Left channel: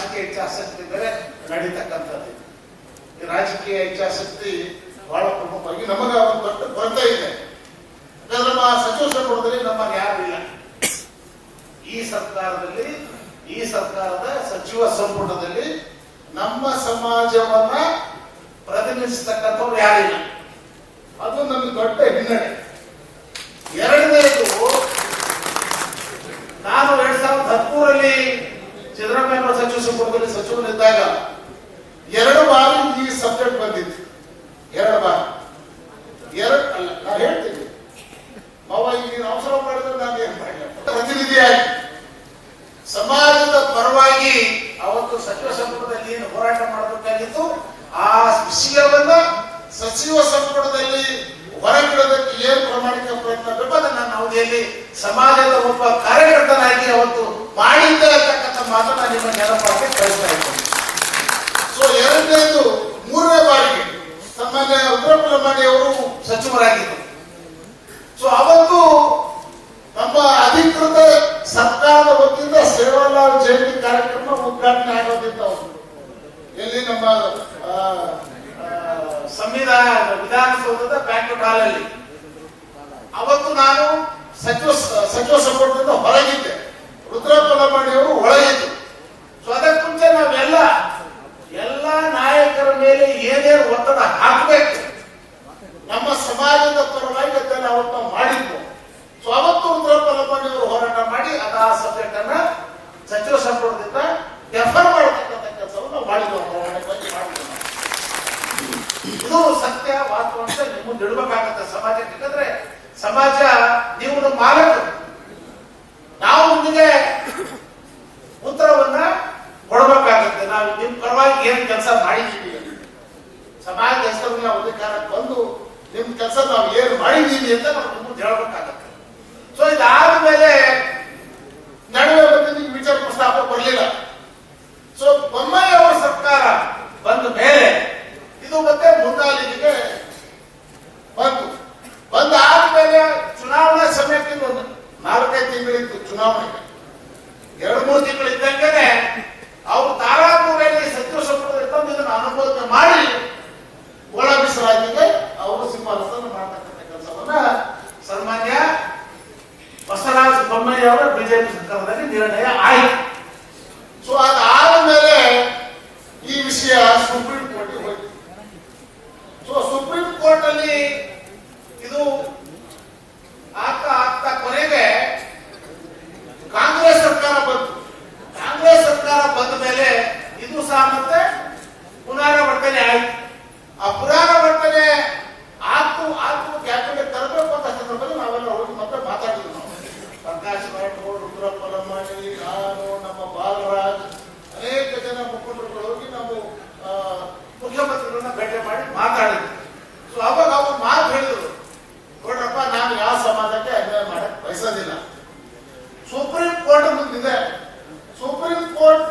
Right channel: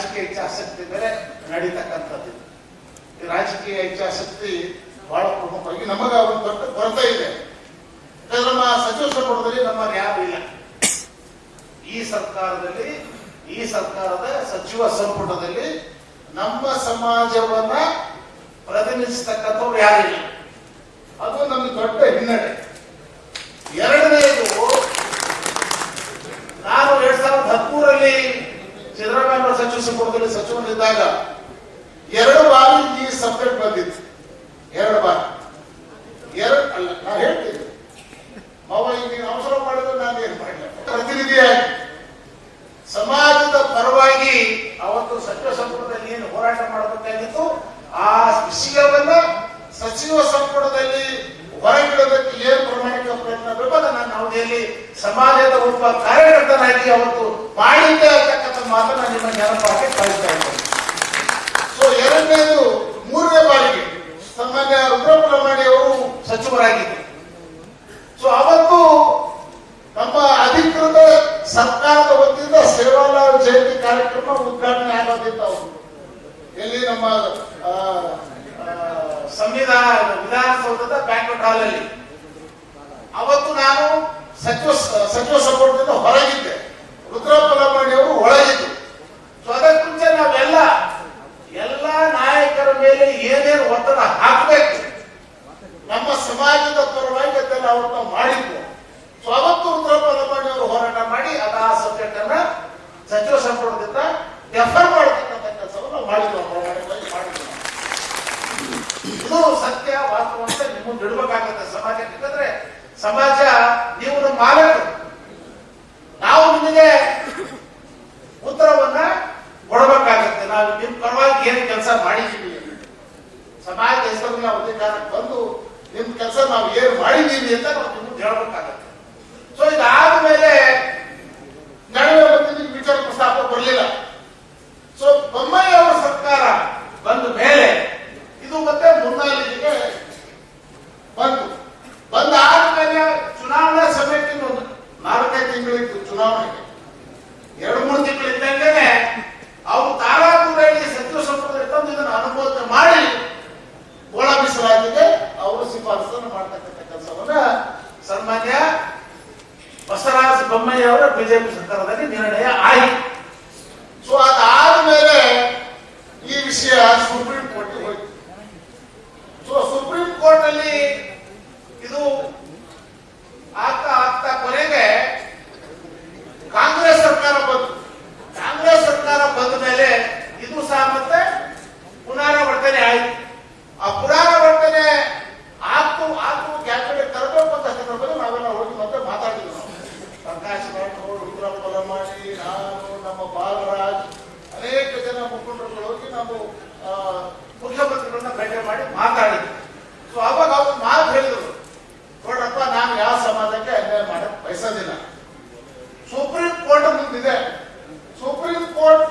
ರಾಜಕೀಯ ಇಚ್ಛಾಶಕ್ತಿ ಮೇಲೆ ನಡೀತಕ್ಕಂಥದ್ದು. ರಾಜಕೀಯ ಇಚ್ಛಾಶಕ್ತಿ ಬಹಳ ಪ್ರಮುಖವಾಗಿ ನಮಗೆ ಒಂದು ದೊಡ್ಡ ಕೊರತೆ ಇದೆ. ನಮ್ಮ ಸಚಿವ ಸಂಪುಟದಲ್ಲಿ ನಮ್ಮಲ್ಲಿ ಯಾರು ಇಲ್ಲ. ಈ ಸರ್ಕಾರದಲ್ಲಿ, ಈ ಸರ್ಕಾರದ ಸಚಿವ ಸಂಪುಟದಲ್ಲಿ ನಮ್ಮ ಸಮಾಜವನ್ನ ಪ್ರತಿನಿಧಿಸತಕ್ಕಂಥವ್ರು ಯಾರಿಲ್ಲ ಅದು ನಮ್ಗೆ ದೊಡ್ಡ ಹಿನ್ನಡೆ. ಸಿದ್ದರಾಮಯ್ಯ ಸಚಿವ ಸಂಪುಟದಲ್ಲಿ ಸಚಿವನಿದ್ದಾಗ ಎರಡು ಬಾರಿ ಈ ಸಬ್ಜೆಕ್ಟ್ ಬಂದಿತ್ತು. ಎರಡು ಬಾರಿ. ಎರಡು ಅಲ್ಲ ನಾ ಹೇಳ್ತೀನಿ. ಮಾವ, ಈಗ ನೀನು ಅವಸರ ಮಾಡಿದ್ರೆ ನಾನು ಏನ್ ಮಾಡಿಲ್ಲ ಸಮಾಜದ ಪರವಾಗಿ ಅವತ್ತು ಸಚಿವ ಸಂಪುಟದಲ್ಲಿ ಏನು ಹೋರಾಟ ಮಾಡಬೇಕಾಗಿತ್ತು, ಆ ವಿಷಯವನ್ನ ಸಚಿವ ಸಂಪುಟದಲ್ಲಿ ಹೊರಗಿಡೋದಕ್ಕೆ ಏನು ಪ್ರಮಾಣಿಕ ಪ್ರಯತ್ನ ಬೇಕೋ ನಾನು ಅವಧಿಯಲ್ಲಿ ಸಮಾಜದ ಒಬ್ಬ ಕಾರ್ಯಕರ್ತನಾಗಿ ಅವತ್ತು ಮಾಡಿದ್ದೆ ಅಂತಕ್ಕಂಥ ಮಾತನ್ನ ನಿಮ್ಮ ನೆನಪಾಗಿ ಕಳಿಸ್ತಾ ಇದ್ದೇನೆ. ಸೊ ಎರಡನೇದು, ಮೂರನೇ ಬಾರಿಗೆ ರುದ್ರಪ್ಪ ಅವರು ಸಚಿವರಾಗಿದ್ದರು. ಸೊ ಅವತ್ತು ನಮ್ಮ ಅಧಿಕೃತ ಸರ್ಕಾರದ ವತಿಯಿಂದ ಸೇವಾಲಾಲ್ ಜಯಂತಿ ಕಾರ್ಯಕ್ರಮ ಉದ್ಘಾಟನೆ ಆಗೋದಿತ್ತು ಎಲ್ಲಿ ನಮ್ಮ ಸಂವಿಧಾನ ವಿಧಾನಸೌಧದ ಬ್ಯಾಂಕ್ವೆಟ್ ಹಾಲ್ ಅಲ್ಲಿ ಅವತ್ತು ನಾನು ಸಚಿವ ಸಚಿವ ಸಂಪುಟದಿಂದ ಹೊರಗಿದ್ದೆ. ಲಮಾಣಿ ಅವರು ಒಳಗಿದ್ರು. ಸೊ ಅದಕ್ಕೆ ಮುಂಚೆ ನಾವೆಲ್ಲ, ಎಲ್ಲ ನಾಯಕರ ಮೇಲೆ ಏನೇನು ಒತ್ತಡ ಹಾಕಬೇಕು, ನಮ್ಮ ಸಮಾಜದ ಪರವಾಗಿ ಅದೆಲ್ಲ ಅವತ್ತು ಮಾಡಿದ್ವು. ಸೊ ಅವತ್ತು ರುದ್ರಪ್ಪ ಲಂಬಾಣಿ ಅವರು ಹೋರಾಟ ಮಾಡಿ, ಅದ ಆ ಸಬ್ಜೆಕ್ಟ್ ಅನ್ನ ಸಚಿವ ಸಂಪುಟದಿಂದ ಡೆಫರ್ ಮಾಡತಕ್ಕಂಥ ಕೆಲಸವನ್ನು ಮಾಡಿದ್ವು. ನಾವು. ಇದು ಸತ್ಯ, ವಾಸ್ತವ ಅಂತ ನಿಮ್ಮ ಇಡಬೇಕಾಗತ್ತೆ ಸಮಾಜಕ್ಕೆ. ಯಾಕಂದ್ರೆ ಸಮಾಜ, ನೀವು ನಮ್ಮ ಮಾಲಕರು. ನಾವು ನಿಮಗೆ ಉತ್ತರವನ್ನ ಕೊಡಬೇಕಾಗತ್ತೆ. ನಾವು ನಿಮ್ ಪರವಾಗಿ ಏನು ಕೆಲಸ ಮಾಡಿದ್ದೀವಿ. ಸಮಾಜ ಹೆಸರನ್ನ ಅಧಿಕಾರಕ್ಕೆ ಬಂದು ನಿಮ್ ಕೆಲಸ ನಾವು ಏನು ಮಾಡಿದ್ದೀವಿ ಅಂತ ನಾವು ಮುಂದೆ ಹೇಳ್ಬೇಕಾಗತ್ತೆ. ಸೊ ಇದಾದ್ಮೇಲೆ ನಡುವೆ ಬಂದಿದ್ದು ವಿಚಾರ ಪ್ರಸ್ತಾಪ ಬರಲಿಲ್ಲ. ಸೊ ಬೊಮ್ಮಾಯಿ ಅವರ ಸರ್ಕಾರ ಬಂದ ಮೇಲೆ ಇದು ಮತ್ತೆ ಮುನ್ನಾಲಿಗೆ ಬಂತು ಬಂದಾದ್ಮೇಲೆ ಚುನಾವಣಾ ಸಮಯಕ್ಕೆ ಒಂದು ನಾಲ್ಕೈದು ತಿಂಗಳಿತ್ತು ಚುನಾವಣೆಗೆ ಎರಡು ಮೂರು ತಿಂಗಳಿದ್ದಂಗೆ ಅವರು ತಾರಾಪುರಲ್ಲಿ ಸಚಿವ ಸಂಪುಟದಲ್ಲಿ ತಂದು ಇದನ್ನು ಅನುಮೋದನೆ ಮಾಡಿ ಒಳ ಮೀಸಲಾಗಿದೆ ಅವರು ಶಿಫಾರಸನ್ನು ಮಾಡತಕ್ಕಂಥ ಕೆಲಸವನ್ನ ಸನ್ಮಾನ್ಯ ಬಸವರಾಜ ಬೊಮ್ಮಾಯಿ ಅವರ ಬಿಜೆಪಿ ಸರ್ಕಾರದಲ್ಲಿ ನಿರ್ಣಯ ಆಯಿತು. ಸೊ ಅದಾದ್ಮೇಲೆ ಈ ವಿಷಯ ಸುಪ್ರೀಂ ಕೋರ್ಟ್ ಹೋಯಿತು. ಸೊ ಸುಪ್ರೀಂ ಕೋರ್ಟ್ ಅಲ್ಲಿ ಇದು ಆಗ್ತಾ ಆಗ್ತಾ ಕೊನೆಗೆ ಕಾಂಗ್ರೆಸ್ ಸರ್ಕಾರ ಬಂತು. ಕಾಂಗ್ರೆಸ್ ಸರ್ಕಾರ ಬಂದ ಮೇಲೆ ಇದು ಸಹ ಮತ್ತೆ ಪುನರಾವರ್ತನೆ ಆಯಿತು ಆ ಪುನರಾವರ್ತನೆ ಆಗ್ತು ಆಗ್ತು ಗ್ಯಾಪ್ಗೆ ತರಬೇಕು ಅಂತ ಸಂದರ್ಭದಲ್ಲಿ ನಾವೆಲ್ಲ ಹೋಗಿ ಮತ್ತೆ ಮಾತಾಡಿದ್ವಿ ನಾವು ರಾಠೋಡ್ ರುದ್ರಪ್ಪ ಲಮಾಣಿ ನಾನು ನಮ್ಮ ಬಾಲರಾಜ್ ಅನೇಕ ಜನ ಮುಖಂಡರುಗಳು ಹೋಗಿ ನಾವು ಮುಖ್ಯಮಂತ್ರಿಗಳನ್ನ ಭೇಟಿ ಮಾಡಿ ಮಾತಾಡಿದ್ವಿ ಸೊ ಅವಾಗ ಅವ್ರು ಮಾತು ಹೇಳಿದ್ರು ನೋಡ್ರಪ್ಪ ನಾನು ಯಾವ ಸಮಾಜಕ್ಕೆ ಅನ್ಯಾಯ ಮಾಡಕ್ ಬಯಸೋದಿಲ್ಲ ಸುಪ್ರೀಂ ಕೋರ್ಟ್ ಮುಂದಿದೆ ಸುಪ್ರೀಂ ಕೋರ್ಟ್